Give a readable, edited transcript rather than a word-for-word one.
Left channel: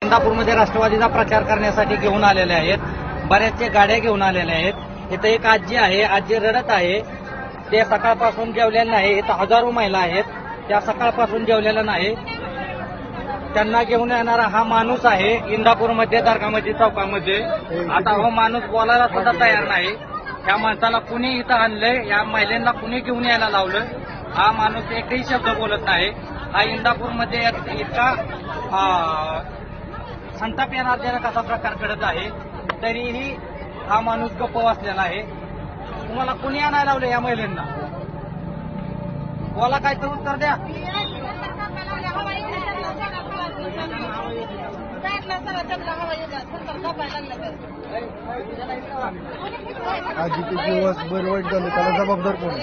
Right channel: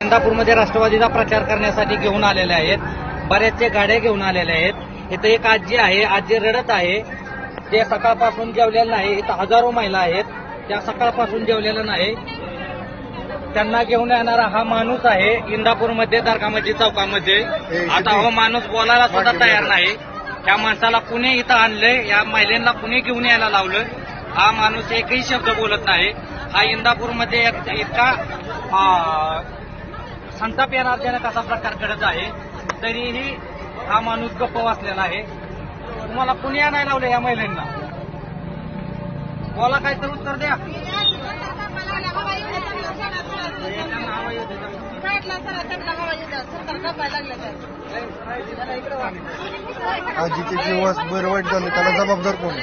इंदापूरमध्ये राष्ट्रवादीचा प्रचार करण्यासाठी घेऊन आलेले आहेत. बऱ्याचशा गाड्या घेऊन आलेल्या आहेत. इथं एक आजी आहे, आजी रडत आहे. ते सकाळपासून जेवलेलं नाही. इथं हजारो महिला आहेत, त्या सकाळपासून जेवलेल्या नाही. त्यांना घेऊन येणारा हा माणूस आहे इंदापूरमध्ये दर्गामध्ये चौकामध्ये. आता हा माणूस बोलायला सुद्धा तयार नाही. त्या माणसाला कुणी इथं आणलंय, या महिलांना कुणी घेऊन यायला लावले. हा माणूस एकही शब्द बोलत नाही. हा इंदापूरमध्ये इतका संताप येणारजनक असा प्रकार घडत आहे, तरीही हा माणूस गप्प बसलेला आहे. तुम्हाला कुणी आणायला लावले या महिलांना? बोला, काय ते उत्तर द्या. आजीचे जीवास बरं वाईट झालं, त्याला जबाबदार कोण?